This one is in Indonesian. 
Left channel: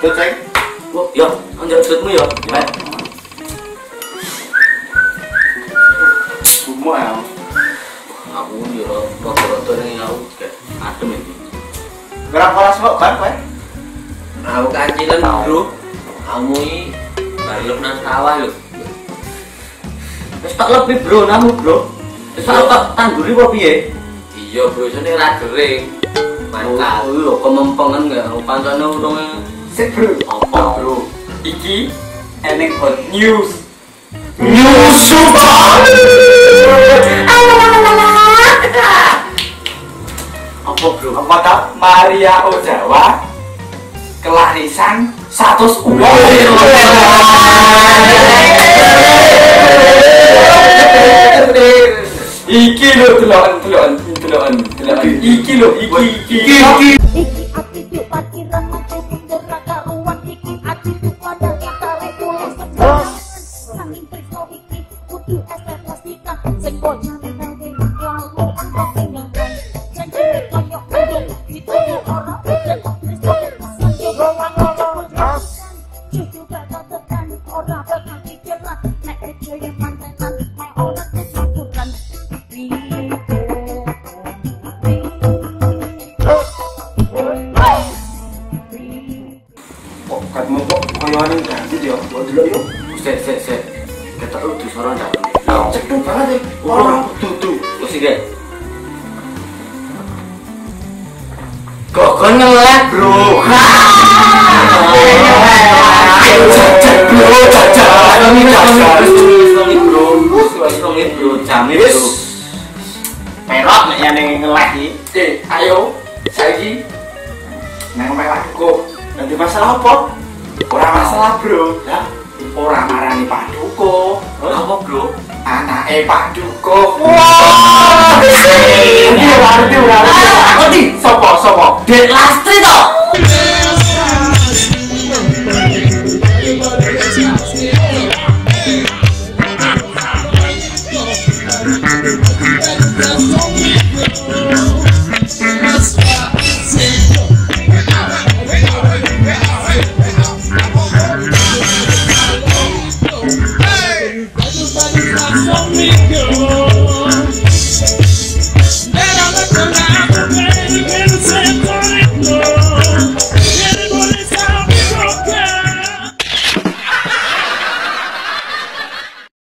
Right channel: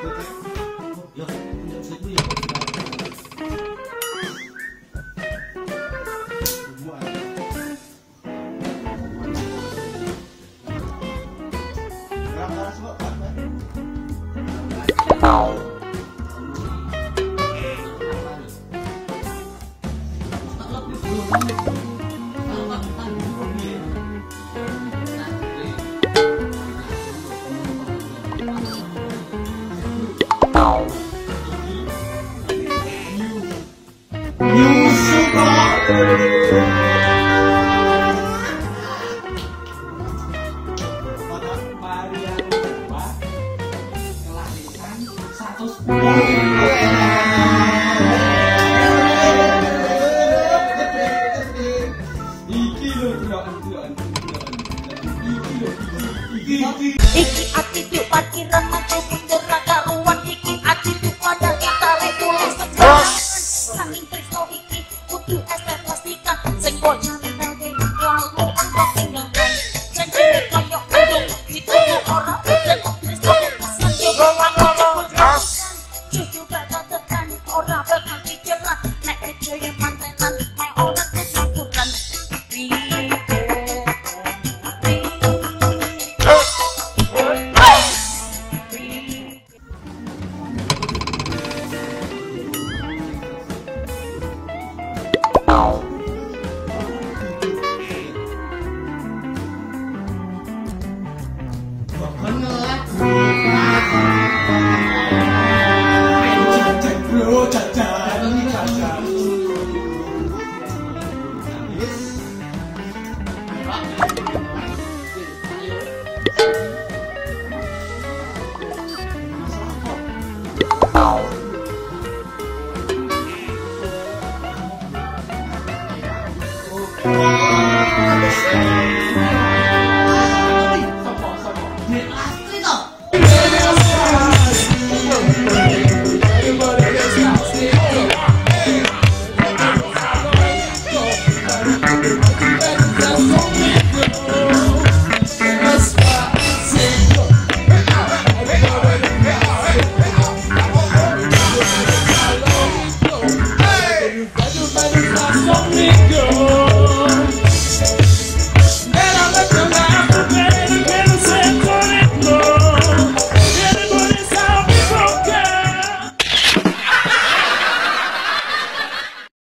Cek. Oh, yo, anjir setmu yo. Semua ya. Aku yo kok ini yo adem iki. Berapa kelas kok kan, Pak? Aku kacilan, Bro. Kamu iki balik nang sawah lho. Wis tak lebih, Bro, namu, Bro. Wis tak tangguri apa piye? Iya, Bro, jane ra gering. Mantap lho, kemempengan enggak pancane urung. Sik, Bro. Apa, Bro? Iki eneng hot news. Apa, Bro? Apa tau Maria Ozawa kelarisan 100 uang. Iki lho deloken. Iki lho iki. Iki ati yuk parkiran mati punjer karuan iki ati yuk pada kita regulasi saking presto iki kudu estet plastikan sing bojone nang lalu angkat tinggalkan janji koyo udung dituju ora udan presto pasan yo cucu bakal tekan ora bakal dicerat nek joyo mantenan nek ora kesukuran Sik. Kita udah suara dah. Cepet banget. Orang tutu. Wis iki. Kok ngelek, Bro? Merok nek yang ngelek iki. Ayo saiki nang melakku. Nanti masalah apa? Ora masalah, Bro. Lah, ora marani Pak Duko. Apa, Bro? Anake Pak Duko. Wah, ini waduh. Sopo? Dek Lastri to. Thank you.